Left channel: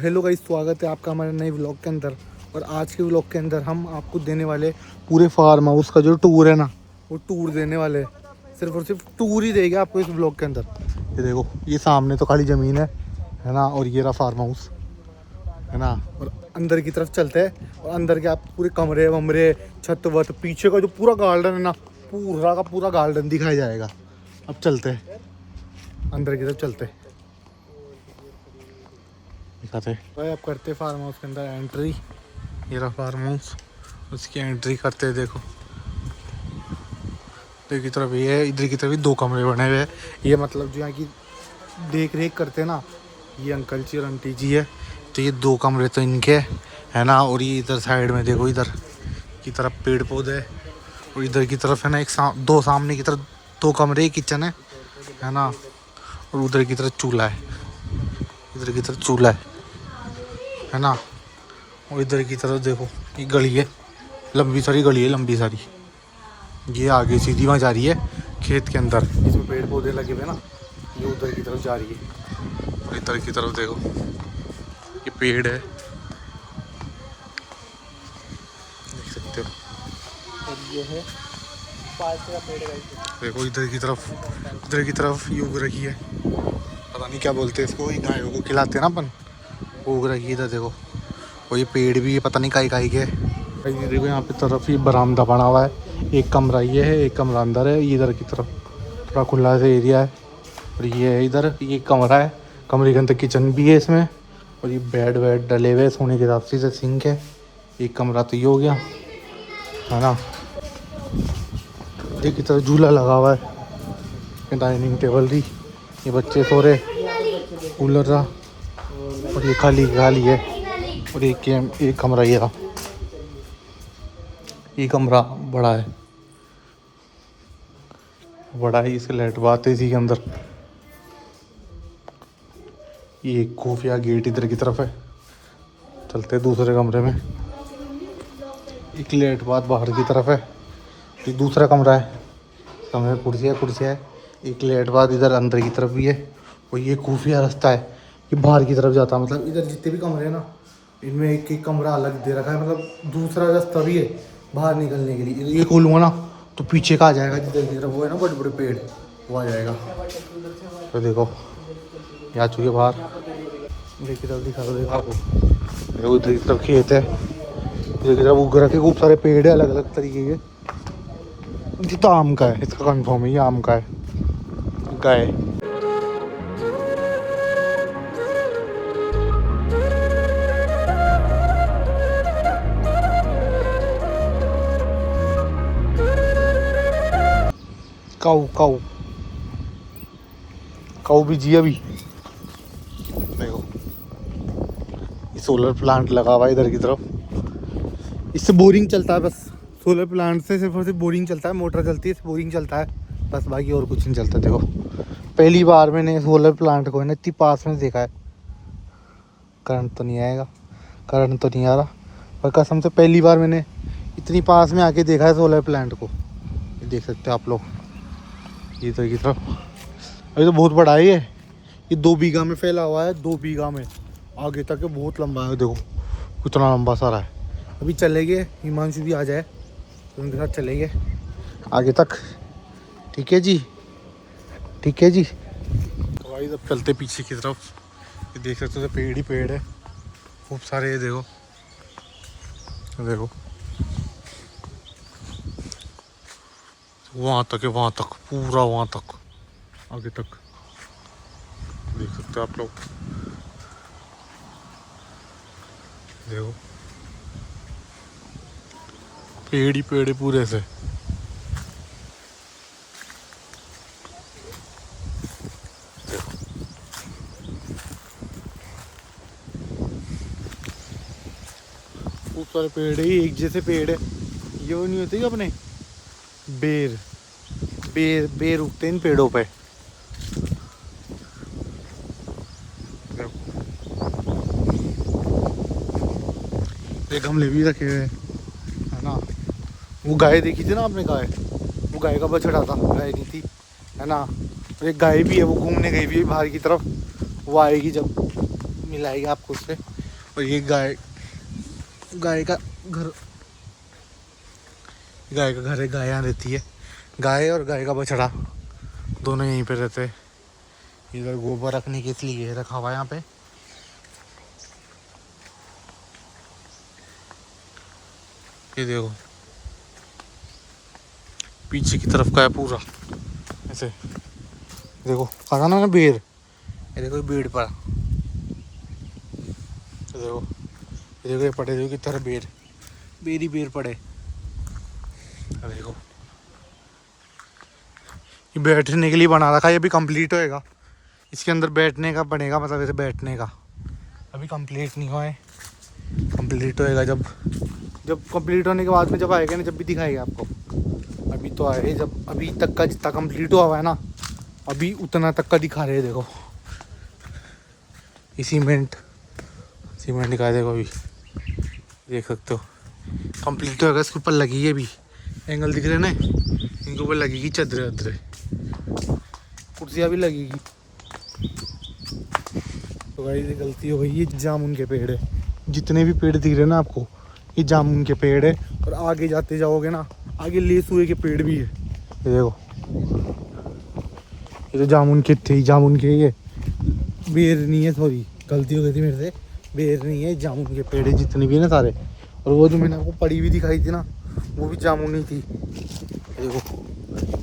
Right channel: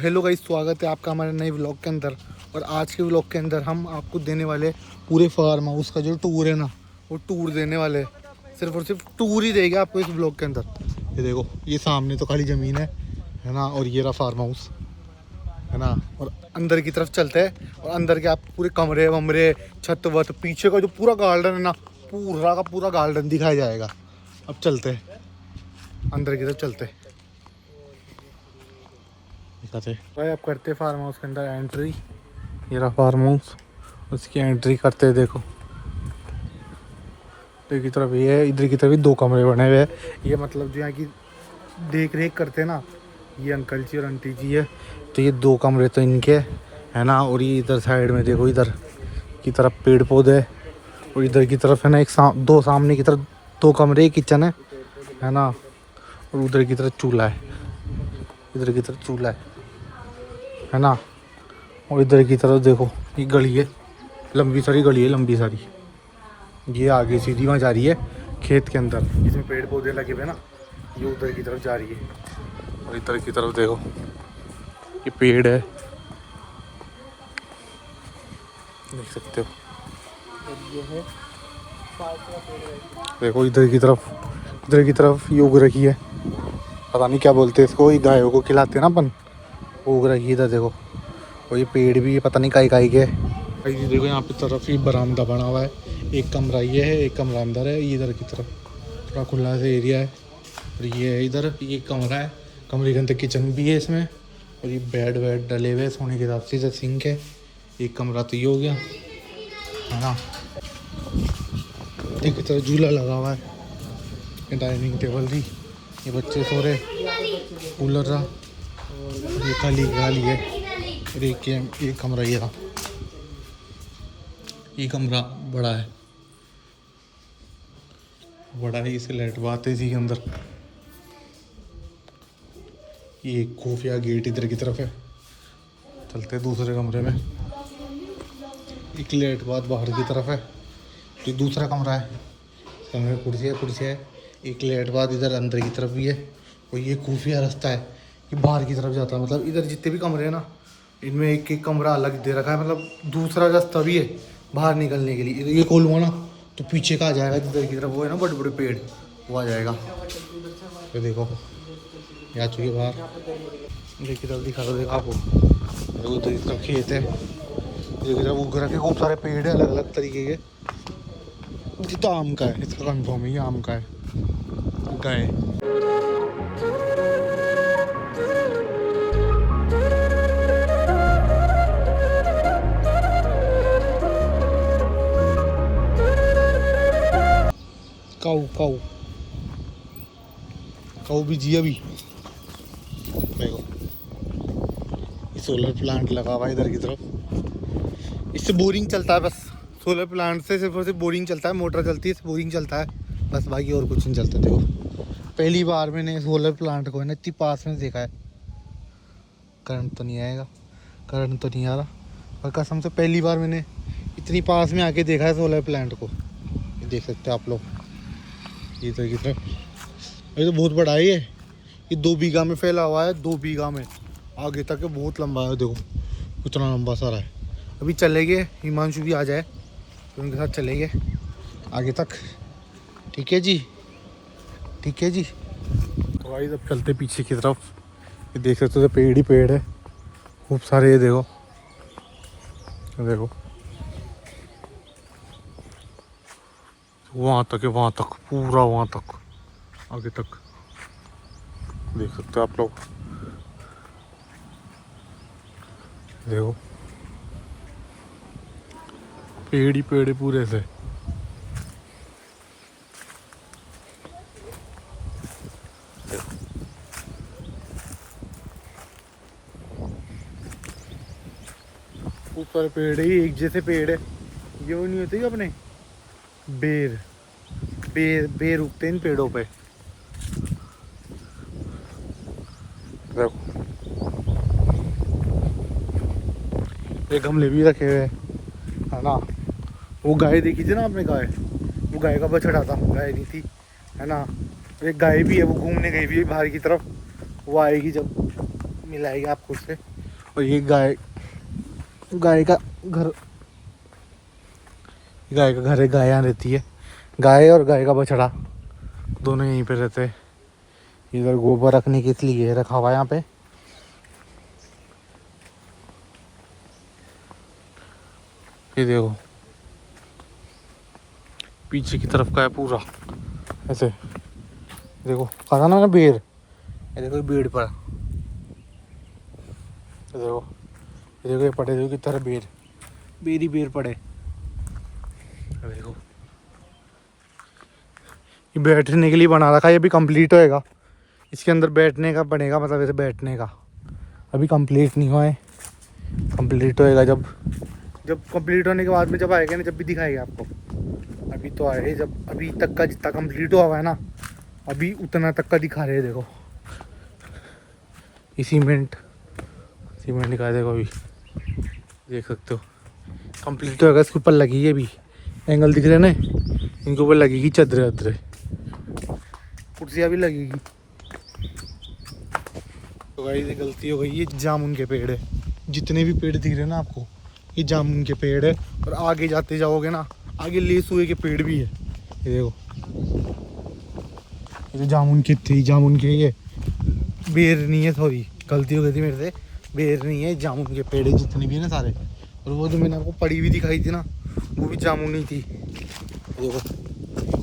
Hello guys, स्वागत है आपका हमारे नए व्लॉग के अंदर। और आज के व्लॉग के अंदर हम आपको देने वाले पूरे फार्म हाउस का जो टूर है ना, वो टूर देने वाले हैं। सिर्फ और सिर्फ टूर ही देगा आपको इस व्लॉग के अंदर। ये देखो, ये सामने तो खाली ज़मीन है ना, और ये रहा फार्म हाउस है ना। और अंदर की तरफ चलते हैं और अंदर के आप पूरे कमरे वमरे, छत वत, पीछे का जो पूरा गार्डन है ना, पूरा का पूरा गार्डन दिखाया जाएगा। अब चलते हैं अंदर की तरफ, चलते हैं दिखाते भाई। आप करते फार्म हाउस के अंदर एंट्री। ये रहा फार्म हाउस, उसकी एंट्री करते हैं। देखो इधर की तरफ ये है, इधर की तरफ भी दो कमरे बने हुए हैं। ये मतलब जो यहाँ की देख रेख करते हैं ना, ये अंकल जी और आंटी जी है। तो ये दो कमरे तो इनके है ना। और ये इधर साइड में देखो, इधर की तरफ पेड़ पौधे है। और इधर की तरफ है ना दो सामने की तरफ दो कमरे, किचन है ना। और उधर की तरफ चूल्हा है, इधर की तरफ चूल्हा है ना। और इधर की तरफ देखो, ये गली है, लंबी सारी गली है, लंबी सारी। ये आगे सीधी वहाँ जा रही है खेत के अंदर, इसमें पेड़ पौधे लगे हुए ना। ये उधर की तरफ जा रही है। और इधर की तरफ देखो, ये पेड़ है, देख सकते हो। और ये है देखो, इधर की तरफ ये उग रखी है, पता नहीं क्या बोलते हैं इसको, ये गायों को खिलाते हैं ना अपन, वो उग रखी है इधर देखो। और ये पेड़ भी पता नहीं काई के। भाई देखो, यहाँ पे तरफ ये बरामदा बना हुआ है। एक कमरा ये है, एक कमरा अंदर है। ये इधर की तरफ थोड़ा खुला सा एरिया है। और ये है इधर, ये कमरा है, कमरे के अंदर किचन भी है इसमें। और ये बेड वेड डले हुए सोने के हिसाब से। इधर सिंक है। एक कमरा तो ये हो गया है ना। इधर की तरफ झूला लगा हुआ है, डाइनिंग टेबल थी, ये बच्चे सो रहे, कूलर रहा। और ये खाली है। और एक कमरा ये रहा, ये कमरा बड़ा है, इसके लाइट बात है इसी के अंदर। ये एक खुफिया गेट इधर की तरफ है। चलते दूसरे कमरे में। एक लाइट बात बाहर की तरफ है, तो दूसरा कमरा है, कमरे में कुर्सी है। एक लाइट बात इधर अंदर की तरफ भी है। और ये खुफिया रास्ता है, ये बाहर की तरफ जाता है। मतलब इधर जितने भी कमरे हैं ना, इनमें एक एक कमरा अलग दे रखा है। मतलब दूसरा रास्ता भी है बाहर निकलने के लिए। ये खोलूँगा ना तो पीछे का आ जाएगा, इधर की तरफ वो है ना बड़े बड़े पेड़, वो आ जाएगा। तो देखो, ये आ चुके बाहर। इधर की तरफ दिखा दो, देखो आपको, उधर की तरफ खेत है, इधर की तरफ उग रखे खूब सारे पेड़ है अलग अलग तरीके के। ये तो आम का है, इसका कन्फर्म है, ये आम का है। गाय काऊ भी जी अभी। देखो, सोलर प्लांट लगा हुआ है इधर की तरफ, इससे बोरिंग चलता है बस। सोलर प्लांट से सिर्फ और सिर्फ बोरिंग चलता है, मोटर चलती है, बोरिंग चलता है बस, बाकी और कुछ नहीं चलता। देखो, पहली बार मैंने सोलर प्लांट को है ना इतनी पास में देखा है। करंट तो नहीं आएगा, करंट तो नहीं आ रहा, पर कसम से पहली बार मैंने इतनी पास में आके देखा है सोलर प्लांट को। ये देख सकते हो आप लोग, ये तो की तरफ। अभी तो बहुत बड़ा है ये 2 बीघा में फैला हुआ है, 2 बीघा में आगे तक है, बहुत लंबा है। देखो कितना लंबा सारा है। अभी चलेंगे, हिमांशु भी आ जाए तो उनके साथ चलेंगे आगे तक। ठीक है जी, ठीक है जी। तो भाई जब चलते पीछे की तरफ, ये देख सकते हो, पेड़ ही पेड़ है खूब सारे। ये देखो, देखो वहाँ तक है, वहाँ तक पूरा, वहाँ तक आगे तक देख सकते हो आप लोग। देखो पेड़ ही पेड़ है पूरे से। देखो खूब सारे पेड़ है, एक जैसे पेड़ है। ये वो नहीं होते कि अपने बेर उगते हैं इन पेड़ों पे। ये गमले भी रखे हुए है ना। वो गाय देखी थी ना आपने, वो गाय का बछड़ा था, गाय नहीं थी है ना। एक गाय भी है, वो घूमने गई भी है बाहर की तरफ, वो आएगी जब मिलाएगी आपको उससे। और ये गाय का घर है, गाय यहाँ रहती है। गाय और गाय का बछड़ा दोनों यहीं पे रहते हैं। इधर गोबर रखने के लिए रखा हुआ है यहाँ पे। ये देखो पीछे की तरफ का है पूरा ऐसे। देखो कहा ना बेर, ये देखो बेड़ पर, ये देखो ये पड़े, देखो किस तरह बेर ही बेर पड़े। देखो ये बैठने के लिए बना रखा है, ये भी कंप्लीट होएगा। इसके अंदर बैठने का बनेगा, मतलब ऐसे बैठने का। अभी कंप्लीट नहीं हुआ है, कंप्लीट होएगा जब कंप्लीट होने के बाद में जब आएगा ना, जब भी दिखाएगा आपको। अभी तो आए, जब अभी तक का जितना कंप्लीट हुआ है ना, अभी उतना तक का दिखा रहे हैं। देखो ये सीमेंट दिखा, देखो अभी देख सकते हो कंप्लीट होएगा। इसके ऊपर लगी है, अभी एंगल दिख रहे हैं ना, इनके ऊपर लगेगी चदरे, कुर्सियाँ भी लगेगी। तो भाई ये गलती हो गई, ये जामुन के पेड़ है। जितने भी पेड़ दिख रहे हैं ना आपको, ये जामुन के पेड़ है। और आगे जाते जाओगे ना, आगे लेसुए के पेड़ भी है। ये देखो ये तो जामुन के थे, जामुन के, ये बेर नहीं है, सॉरी गलती हो गई थी मेरे से, बेर नहीं है, जामुन के पेड़ है जितने भी है ना सारे। और वो जो मैंने आपको पड़ी हुई दिखाई थी ना, वो भी जामुन ही थी। ये देखो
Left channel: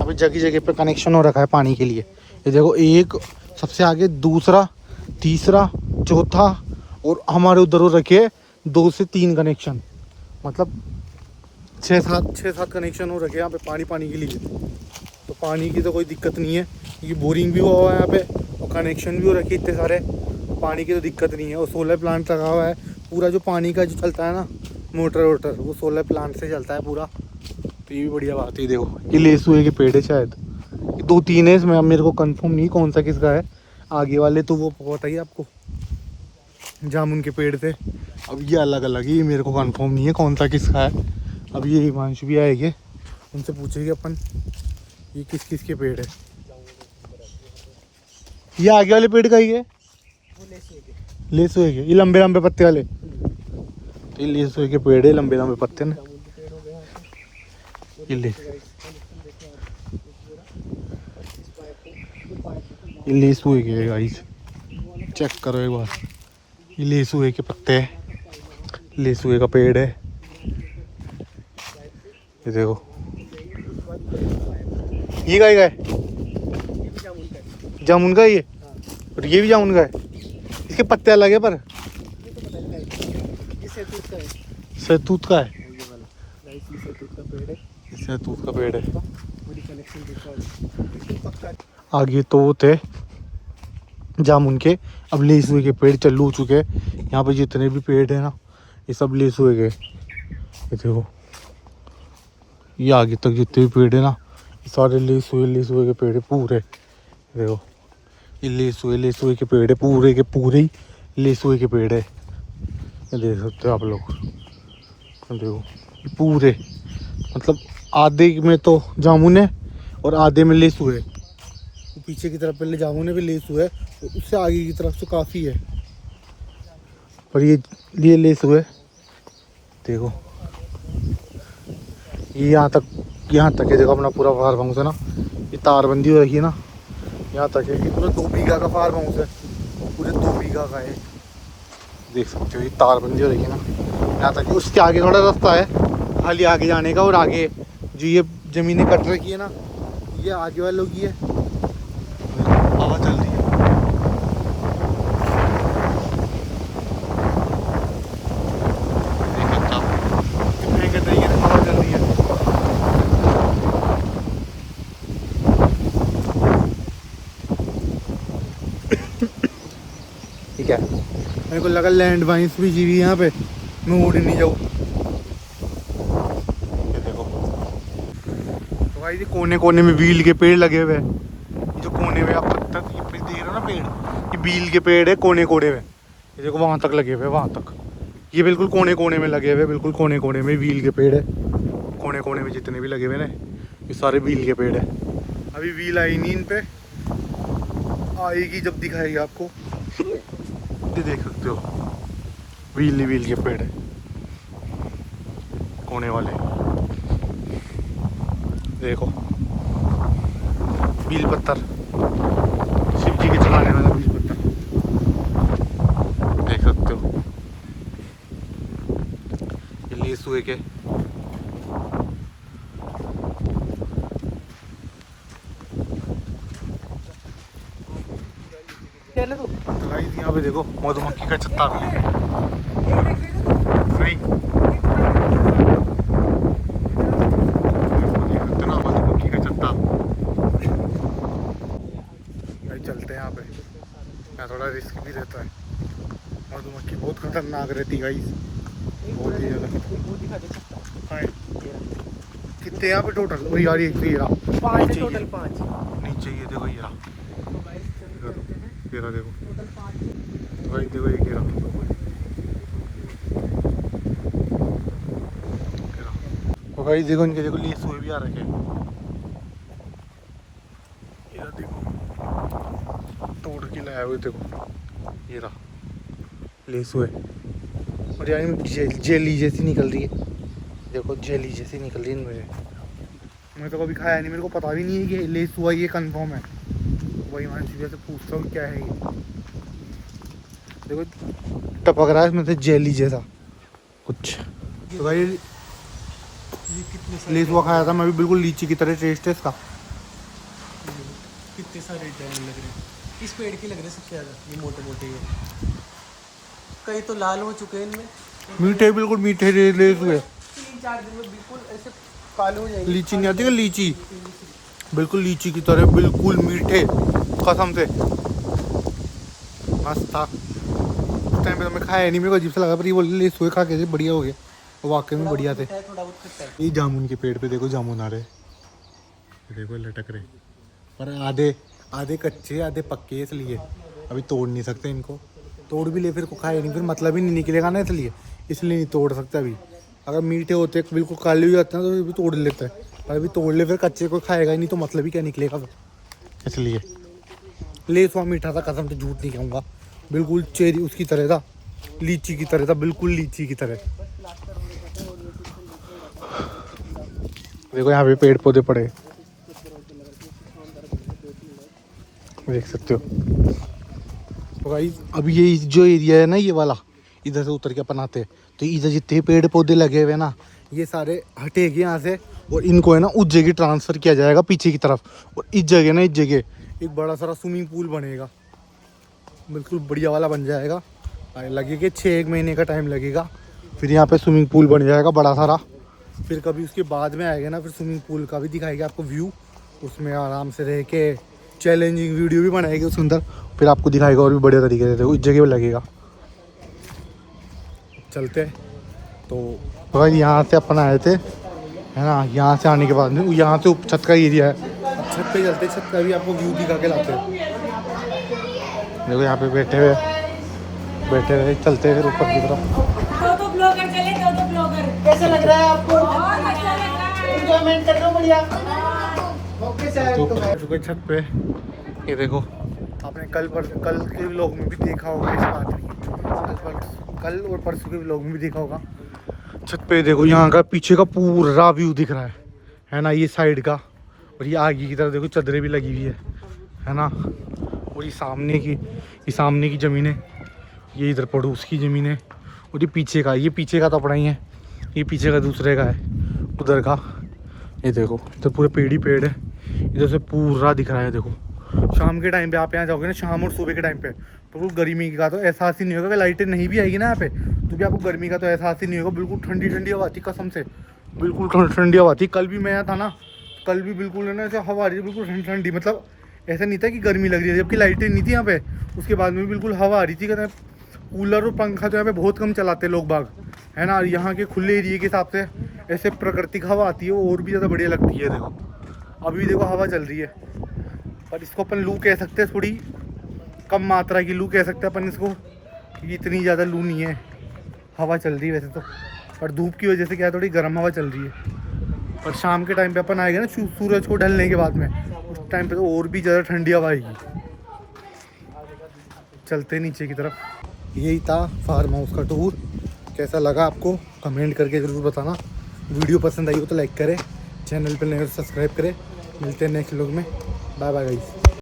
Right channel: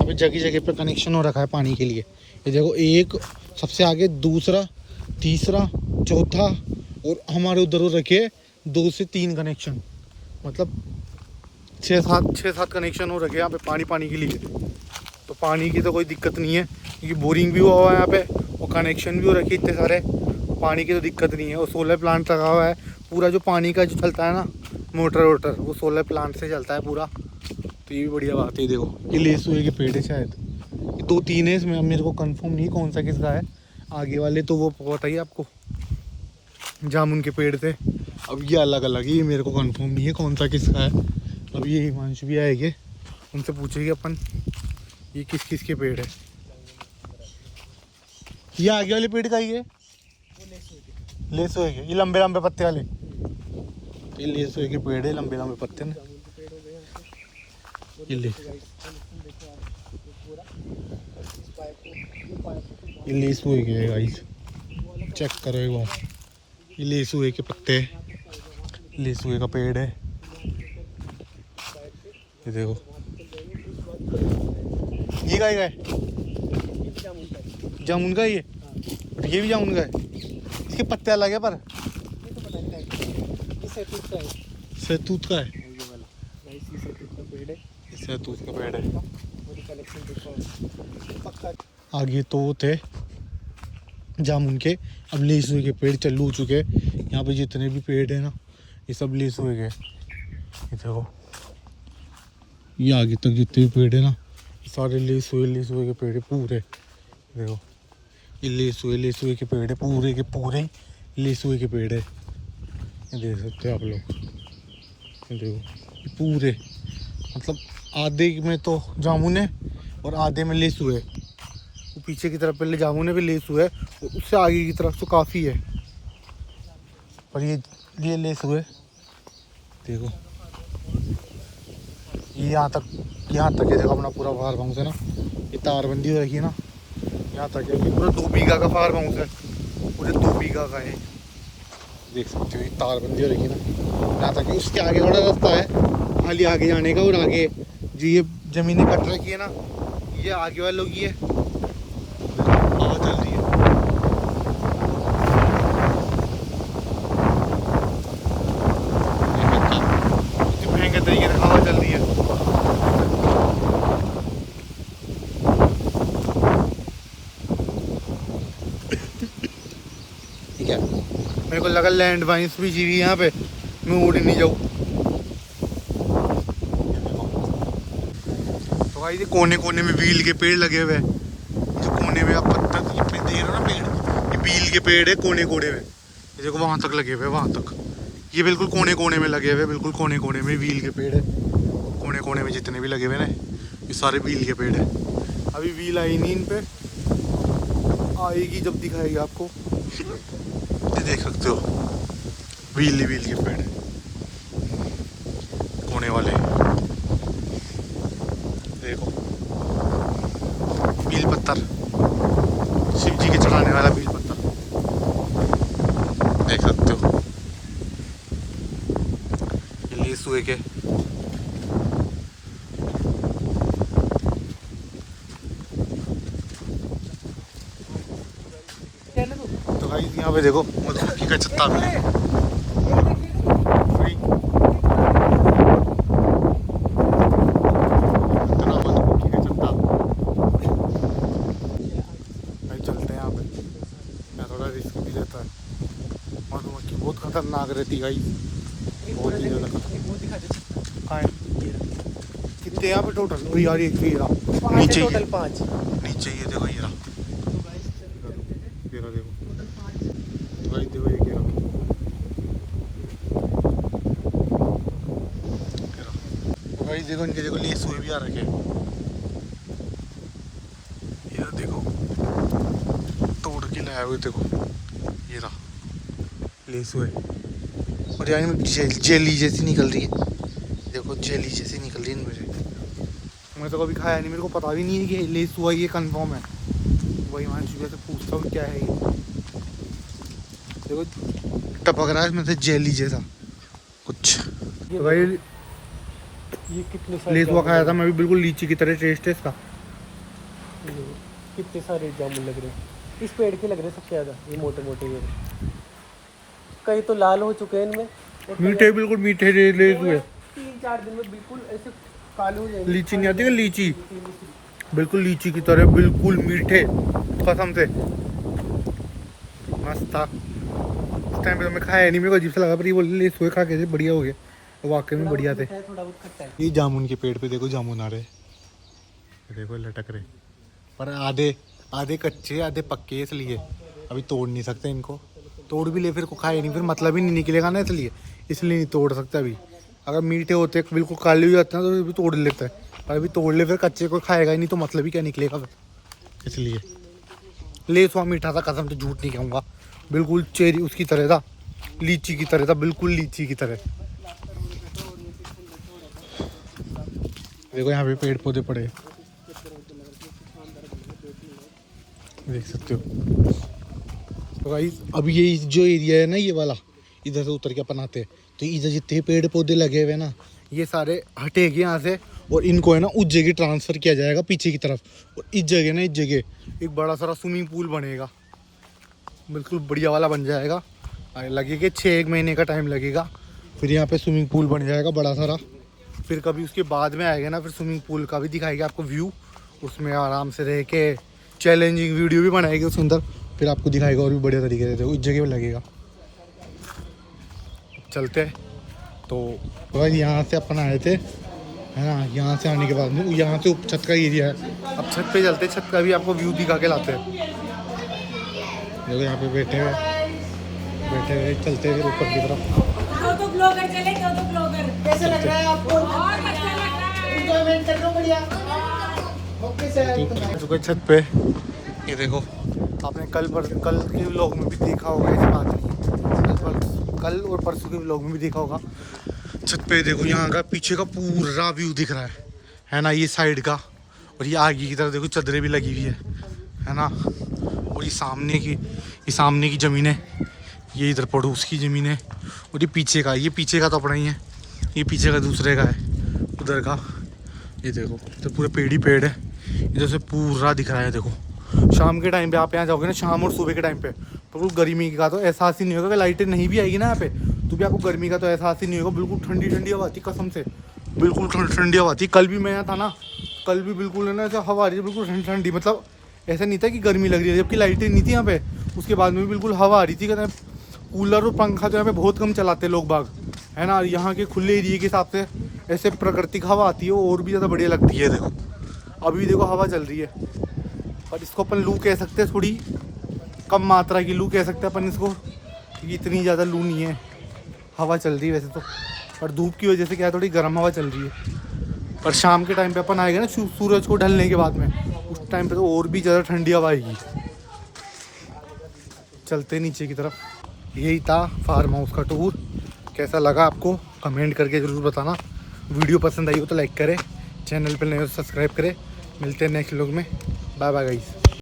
अभी जगह जगह पे कनेक्शन हो रखा है पानी के लिए। ये देखो एक सबसे आगे, दूसरा, तीसरा, चौथा, और हमारे उधर रखे 2 से 3 कनेक्शन, मतलब 6-7 कनेक्शन हो रखे यहाँ पे पानी के लिए। तो पानी की तो कोई दिक्कत नहीं है, क्योंकि बोरिंग भी हुआ हुआ है यहाँ पे और कनेक्शन भी हो रखे इतने सारे। पानी की तो दिक्कत नहीं है। और सोलर प्लांट लगा हुआ है पूरा, जो पानी का जो चलता है ना मोटर वो सोलर प्लांट से चलता है पूरा। तो ये भी बढ़िया बात है। देखो ये लेसुए के पेड़ है, शायद ये 2-3 है इसमें, अब मेरे को कंफर्म नहीं कौन सा किसका है। आगे वाले तो वो पता ही आपको जामुन के पेड़ थे, अब ये अलग अलग है, ये मेरे को कंफर्म नहीं है कौन सा किसका है। अब ये हिमांशु भी आएंगे, उनसे पूछेंगे अपन ये किस किस के पेड़ है। ये आगे वाले पेड़ का ही है, लेसुए के, ये लंबे लंबे पत्ते वाले, ये लेसुए के पेड़ है, लंबे लंबे पत्ते ना। ये लेसुए के गाइस, चेक करो एक बार, ये लेसुए के पत्ते है, लेसुए का पेड़ है। ये देखो ये गाय का है, जामुन का ये, और ये भी जामुन का है। इसके पत्ते अलग है, पर ये तो पता नहीं ये सहतूत का है। सहतूत का है, सहतूत का पेड़ है। आगे तो वो थे जामुन के, अब लेसुए के पेड़ चालू हो चुके हैं। यहाँ पे जितने भी पेड़ है ना, ये सब लेसुए के। ये देखो ये आगे तक जितने भी पेड़ है ना, ये सारे लेसुए के पेड़ है पूरे। देखो ये लेसुए के पेड़ है, पूरे के पूरे ही लेसुए के पेड़ है। ये देख सकते हो आप लोग, देखो ये पूरे, मतलब आधे में तो जामुन है और आधे में लेसुए है। वो पीछे की तरफ पहले जामुन है, फिर लेसुए है, और उससे आगे की तरफ तो काफ़ी है, और ये लेसुए। देखो ये यहाँ तक है। देखो अपना पूरा फार्म हाउस है ना, ये तारबंदी हो रखी है ना, यहाँ तक है। ये पूरा 2 बीघा का फार्म हाउस है, पूरे 2 बीघा का है। देख सकते हो ये तारबंदी हो रखी है ना, यहाँ तक है। उसके आगे थोड़ा रास्ता है खाली आगे जाने का, और आगे जो ये ज़मीनें कट रखी है ना, ये आगे वालों की है। हवा चल रही है, भयंकर तरीके से हवा चल रही है। ठीक है, मेरे को लगा लैंड माइंस भी जीवी यहाँ पे, मैं उड़ नहीं जाऊँ। तो भाई ये कोने कोने में व्हील के पेड़ लगे हुए हैं। जो कोने में आप पत्ता देख रहे हो ना पेड़, ये व्हील के पेड़ है कोने कोने में। ये देखो वहाँ तक लगे हुए, वहाँ तक, ये बिल्कुल कोने कोने में लगे हुए, बिल्कुल कोने कोने में व्हील के पेड़ है। कोने कोने में जितने भी लगे हुए ना, ये सारे व्हील के पेड़ है। अभी व्हील आई नहीं इन पे, आएगी जब दिखाएगी आपको। ये देख सकते हो व्हील के पेड़ है, कोने वाले देखो, बील पत्थर, शिव जी के चढ़ाने वाला बील पत्थर देख सकते हो। ये लेस हुए के तो भाई यहाँ पे देखो मधुमक्खी का छत्ता भी है। मधुमक्खी का छत्ता भाई, चलते हैं यहाँ पे, यहाँ थोड़ा रिस्क भी रहता है। मधुमक्खी बहुत खतरनाक रहती है भाई, बहुत ही ज़्यादा खतरनाक। हाँ कितने यहाँ पे टोटल? वही यार एक ये रहा नीचे ही है, नीचे ही है देखो, ये रहा देखो तो भाई देखो एक रहा, तो भाई देखो इनके देखो लेस हुए भी आ रखे, ये देखो तोड़ के लाया हुए देखो, ये रहा लेस हुए। और यार जेली जैसी निकल रही है देखो, जेली जैसी निकल रही है इनमें से। मैं तो कभी खाया नहीं, मेरे को पता भी नहीं है कि लेस हुआ ये कंफर्म है। वही मान चुका से पूछता हूँ क्या है ये, देखो टपक रहा है इसमें से जेली जैसा कुछ। तो भाई लेस हुआ खाया था मैं भी, बिल्कुल लीची की तरह टेस्ट है इसका। कितने सारे जामुन लग रहे हैं इस पेड़ के, लग रहे सबसे ज़्यादा ये मोटे मोटे, ये कई तो लाल हो चुके हैं इनमें, मीठे बिल्कुल मीठे लेस हुए। 3-4 दिन में बिल्कुल ऐसे काली हो जाएगी। लीची नहीं आती है लीची, बिल्कुल लीची की तरह बिल्कुल मीठे, कसम से मस्त था। उस टाइम पे तो मैं खाया नहीं, मेरे को अजीब सा लगा, पर ये बोले लेस हुए खा के बढ़िया हो गए, वाकई में बढ़िया थे। ये जामुन के पेड़ पे देखो जामुन आ रहे, देखो लटक रहे, पर आधे आधे कच्चे आधे पक्के, इसलिए अभी तोड़ नहीं सकते इनको। तोड़ भी ले फिर को खाए नहीं, फिर मतलब ही नहीं निकलेगा ना, इसलिए नहीं तोड़ सकते अभी। अगर मीठे होते बिल्कुल काले हो जाते हैं तो भी तोड़ लेते हैं, पर अभी तोड़ ले फिर कच्चे को खाएगा ही नहीं, तो मतलब ही क्या निकलेगा फिर, इसलिए। लेस हुआ मीठा था, कसम से झूठ नहीं कहूँगा, बिल्कुल चेरी उसकी तरह था, लीची की तरह था, बिल्कुल लीची की तरह। देखो यहाँ पे पेड़ पौधे पड़े देख सकते हो। तो भाई अभी ये जो एरिया है ना ये वाला, इधर से उतर के अपन आते हैं, तो इधर जितने पेड़ पौधे लगे हुए ना ये सारे हटेंगे यहाँ से, और इनको है ना उस जगह ट्रांसफ़र किया जाएगा पीछे की तरफ। और इस जगह ना, इस जगह एक बड़ा सारा स्विमिंग पूल बनेगा, बिल्कुल बढ़िया वाला बन जाएगा। लगेगा 6 महीने का टाइम लगेगा, फिर यहाँ पे स्विमिंग पूल बन जाएगा बड़ा सारा। फिर कभी उसके बाद में आएगा ना, फिर स्विमिंग पूल का भी दिखाएगा आपको व्यू, उसमें आराम से रह के चैलेंजिंग वीडियो भी बनाएगी उसके अंदर, फिर आपको दिखाएगा और भी बढ़िया तरीके से। देखो इस जगह पर लगेगा, चलते हैं। तो भाई यहाँ से अपन आए थे है ना, यहाँ से आने के बाद में यहाँ से छत का एरिया है, अब छत पे चलते, छत का भी आपको व्यू दिखा के लाते हैं। देखो यहाँ पे बैठे हुए चलते हैं फिर ऊपर की तरफ। दो ब्लॉगर चले, दो ब्लॉगर। कैसा लग रहा है आपको? बहुत अच्छा लग रहा है, एंजॉयमेंट कर रहे हो बढ़िया। ओके सर, छत पे ये देखो, आपने कल के व्लॉग में भी देखा होगा इस बात में, कल और परसों के व्लॉग में भी देखा होगा। छत पे देखो यहाँ का पीछे का पूरा व्यू दिख रहा है ना, ये साइड का, और ये आगे की तरफ देखो चादरें भी लगी हुई है ना। और ये सामने की ज़मीन है, ये इधर पड़ोस की ज़मीन है, और ये पीछे का तो अपना ही है, ये पीछे का दूसरे का है उधर का। ये देखो इधर पूरे पेड़ ही पेड़ है, इधर से पूरा दिख रहा है। देखो शाम के टाइम पे आप यहाँ जाओगे ना, शाम और सुबह के टाइम पे, तो गर्मी का तो एहसास ही नहीं होगा। लाइटें नहीं भी आएगी ना यहाँ पे, तो भी आपको गर्मी का तो एहसास ही नहीं होगा। बिल्कुल ठंडी ठंडी हवा थी, कसम से बिल्कुल ठंडी हवा थी। कल भी मैं यहाँ था ना, कल भी बिल्कुल है ना ऐसे हवा आ रही थी, बिल्कुल ठंडी, मतलब ऐसा नहीं था कि गर्मी लग रही है, जबकि लाइटें नहीं थी यहाँ पे। उसके बाद में भी बिल्कुल हवा आ रही थी। कूलर और पंखा तो यहाँ पे बहुत कम चलाते लोग बाग, है ना। यहाँ के खुले एरिए के हिसाब से ऐसे प्राकृतिक हवा आती है, और भी ज़्यादा बढ़िया लगती है। देखो अभी देखो हवा चल रही है, पर इसको अपन लू कह सकते हैं, थोड़ी कम मात्रा की लू कह सकते हैं अपन इसको, ये इतनी ज़्यादा लू नहीं है। हवा चल रही है वैसे तो, पर धूप की वजह से क्या है, थोड़ी गर्म हवा चल रही है। पर शाम के टाइम पे अपन आएगा ना, सूरज को ढलने के बाद में, उस टाइम पे तो और भी ज़्यादा ठंडी हवा आएगी। चलते नीचे की तरफ। यही था फार्म हाउस का टूर। कैसा लगा आपको कमेंट करके ज़रूर बताना। वीडियो पसंद आई हो तो लाइक करें, चैनल पर नए हो तो सब्सक्राइब करें। मिलते हैं नेक्स्ट व्लॉग में। Bye bye guys.